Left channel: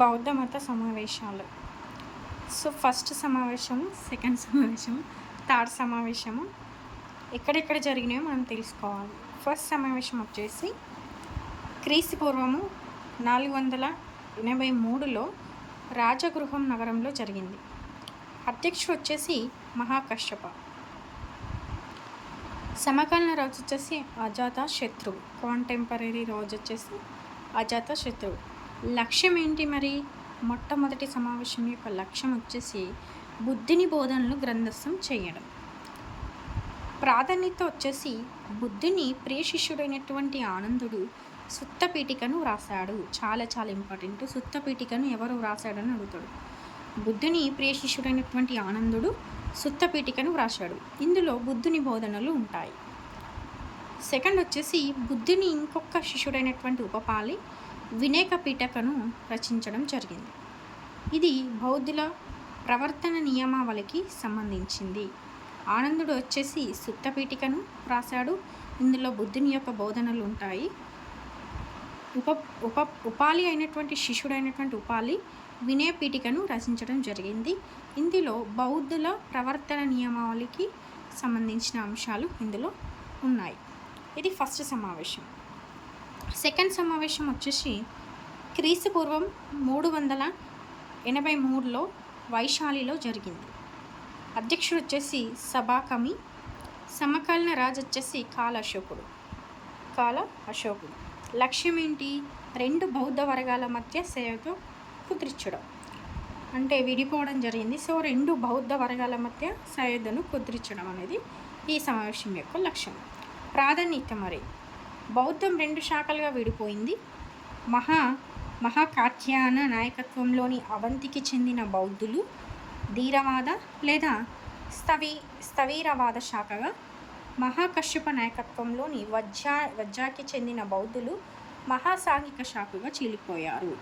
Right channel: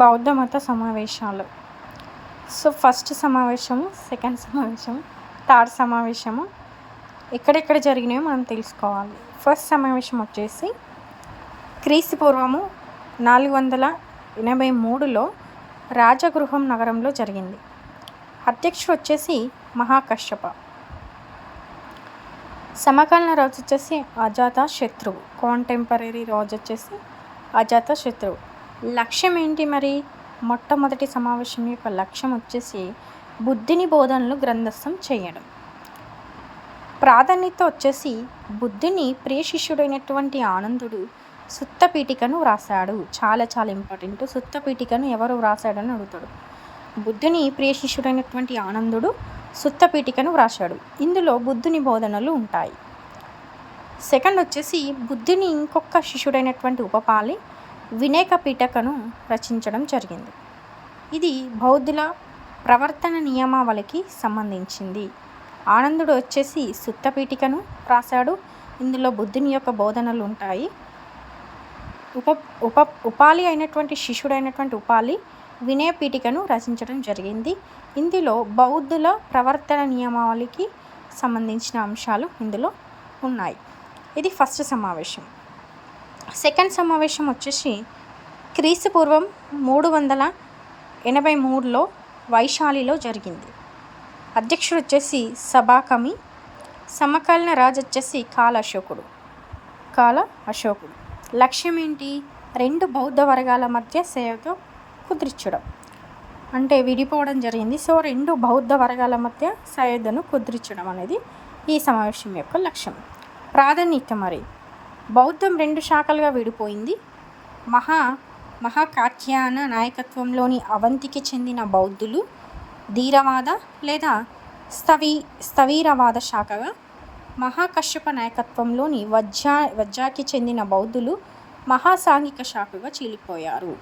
బౌద్ధ మత సమావేశాలు. సో ఫస్ట్ సమావేశము, సెకండ్ సమావేశము, థర్డ్ సమావేశము ఎక్కడెక్కడ జరిగినాయో మనం తెలుసుకోవాలి. ఫస్ట్ సమావేశం వచ్చేసి క్రీస్తు పూర్వము 483లో రాజగృహం నగరంలో జరిగింది. అధ్యక్షుడు వచ్చేసి మహాకశ్యప. సమకాలీన రాజు వచ్చేసి అజాతశత్రువు. కాంటెంపరీ రాజు వచ్చేసి అజాతశత్రువు. లక్ష్యం ఏంటి మరి? మొట్టమొదటి సమావేశం యొక్క లక్ష్యం వచ్చేసి బుద్ధుని బోధనలు గ్రంథస్థం చేయడం. ప్రాధాన్యత వచ్చేసి బుద్ధుని ప్రియ శిష్యుడైనటువంటి ఆనందుడు సుత్తపీఠికను వ్రాసాడు. చాలా చాలా ఇంపార్టెంట్. సుత్తపీఠికను ఎవరు వ్రాసాడని అడుగుతాడు. బుద్ధుని ప్రియ శిష్యుడైనటువంటి ఆనందుడు సుత్తపీఠికను వ్రాసాడు. ఇందులో బుద్ధుని బోధనలు ఉంటాయి. సెకండ్ వచ్చేసి బుద్ధుని ఇంకొక శిష్యుడైనటువంటి ఉపపాలి వినేక పీఠకను రచించడం జరిగింది. ఇది బౌద్ధుల ప్రవర్తన నియమావళికి సంబంధించింది. ఆనందుడు వచ్చేసి సుత్తపీఠికను రాశాడు. ఇందులో బుద్ధుని యొక్క బోధనలు ఉంటాయి. ఉపాలి అయినటువంటి శిష్యుడైనటువంటి ఉపాలి వినయ పీఠికను రచించడం జరిగింది. ఇందులో బౌద్ధుల ప్రవర్తన నియమావళికి సంబంధించిన అంశాలు ఇందులో ఉన్నాయి. ఇది ఫస్ట్ సమావేశం. సెకండ్ సమావేశం వచ్చేసి క్రీస్తు పూర్వం 383లో వైశాలిలో జరిగింది. అధ్యక్షుడు వచ్చేసి సబాకమి. సమకాలీన రాజు వచ్చేసి కాల అశోకుడు. లక్ష్యం ఏంటి? రెండు బౌద్ధ వర్గాల మధ్య సేవతో కుదిర్చడం, అంటే విడిపోవడం జరిగింది. సో రెండు బౌద్ధ వర్గాల మధ్య సయోధ్యను కుదిర్చడం అనేది ఈ సమావేశం యొక్క లక్ష్యం. ప్రాధాన్యత మరి బౌద్ధం రెండు శాఖలుగా విడిపోయింది. మహాకాత్యాయన నాయకత్వంలోని అవంతికి చెందిన బౌద్ధులు ధీరవాద లేదా స్థవిరవాద శాఖగా, మహాకశ్యప నాయకత్వంలోని వజ్జాకి చెందిన బౌద్ధులు మహాసాంఘిక శాఖగా చీలిపోయారు.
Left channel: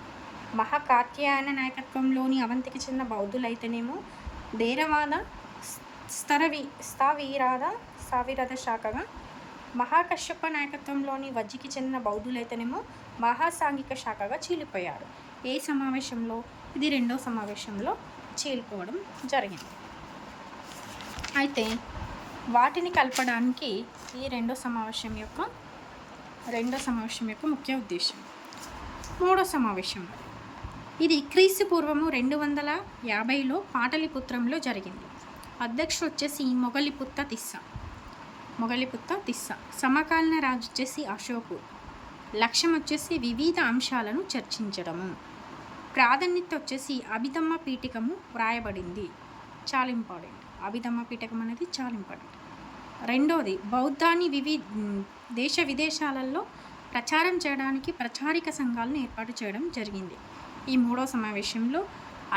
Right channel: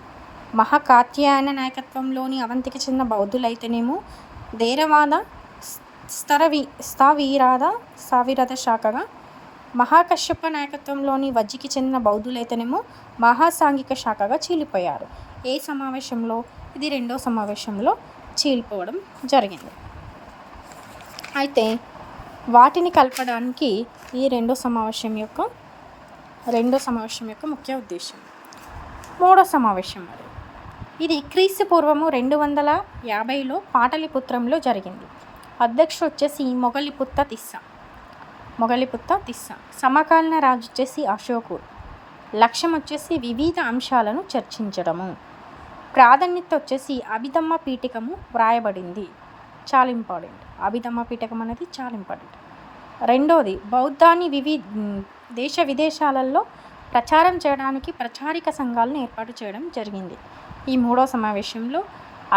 మహాకాత్యాయన నాయకత్వంలోని అవంతికి చెందిన బౌద్ధులైతేనేమో ధీరవాద స్థవిరద శాఖగా, మహాకశ్యప నాయకత్వంలోని వజ్జికి చెందిన బౌద్ధులైతేనేమో మహాసాంఘిక శాఖగా చీలిపోయారు. ఏ సమావేశంలో? ఇది రెండో సమావేశంలో చీలిపోవడం జరిగింది. అయితే వాటిని కలపడానికి ఈ రెండో సమావేశం యొక్క ముఖ్య ఉద్దేశం. మూడో సమావేశం మరి ఇది క్రీస్తు పూర్వము 250లో పాటలిపుత్రంలో జరిగింది. అధ్యక్షుడు వచ్చేసి మొగలిపుత్త తిస్స. సమకాలీన రాజు వచ్చేసి అశోకుడు. లక్ష్యం వచ్చేసి వివిధ అంశాలను చర్చించడము. ప్రాధాన్యత వచ్చేసి అభిధమ్మ పీఠికము వ్రాయబడింది. చాలా ఇంపార్టెంట్. అభిధమ్మ పీఠకం అనేది చాలా ఇంపార్టెంట్. రెండోది బౌద్ధాన్ని దేశ విదేశాలలో ప్రచారం చేయడానికి ప్రచారిక సంఘాలను ఏర్పాటు చేయడం జరిగింది. ఈ మూడో సమావేశంలో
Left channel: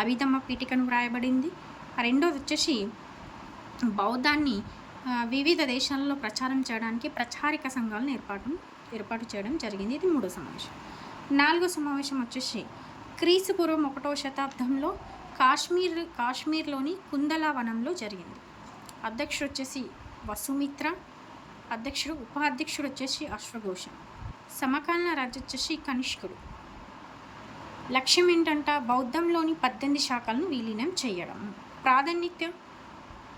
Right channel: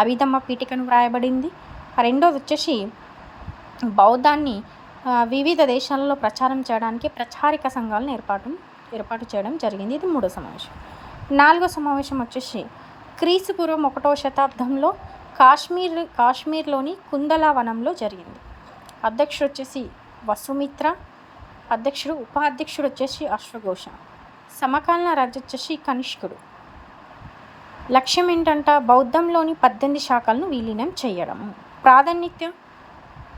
అభిధమ్మ పీఠికను వ్రాయబడింది. రెండోది వచ్చేసి బౌద్ధాన్ని వివిధ దేశాలలో ప్రచారం చేయడానికి ప్రచారిక సంఘాలను ఏర్పాటు చేయడం జరిగింది. ఇది మూడో సమావేశం. నాలుగో సమావేశం వచ్చేసి క్రీస్తు పూర్వం 1వ శతాబ్దంలో కాశ్మీర్లోని కుందలా వనంలో జరిగింది. అధ్యక్షుడు వచ్చేసి వసుమిత్ర. ఉపాధ్యక్షుడు వచ్చేసి అశ్వఘోష. సమకాలీన రాజు వచ్చేసి కనిష్కుడు. లక్ష్యం ఏంటంట? బౌద్ధంలోని 18 శాఖలను విలీనం చేయడము. ప్రాధాన్యత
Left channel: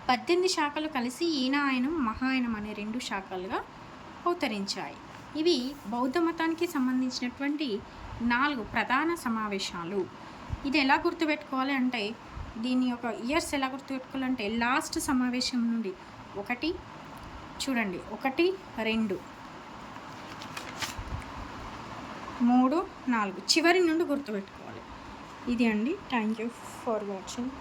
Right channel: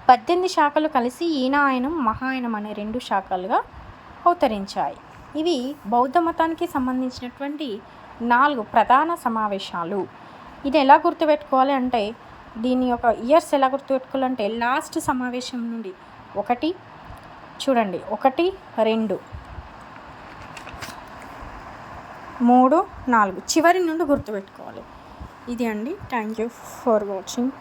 18 శాఖలు కలిసి ఈనాయనం మహాయనం అనే 2 శాఖలుగా అవతరించాయి. ఇవి బౌద్ధ మతానికి సంబంధించినటువంటి 4 ప్రధాన సమావేశాలు. ఇది ఎలా గుర్తుపెట్టుకోవాలి అంటే, దీని యొక్క ఇయర్స్ ఎలా గుర్తుపెట్టుకోవాలంటే, లాస్ట్ సమావేశం నుండి 1, 2, 3, 4 చివరి నుండి గుర్తుపెట్టుకోవాలి. ఇది అండి. Thank you for watching.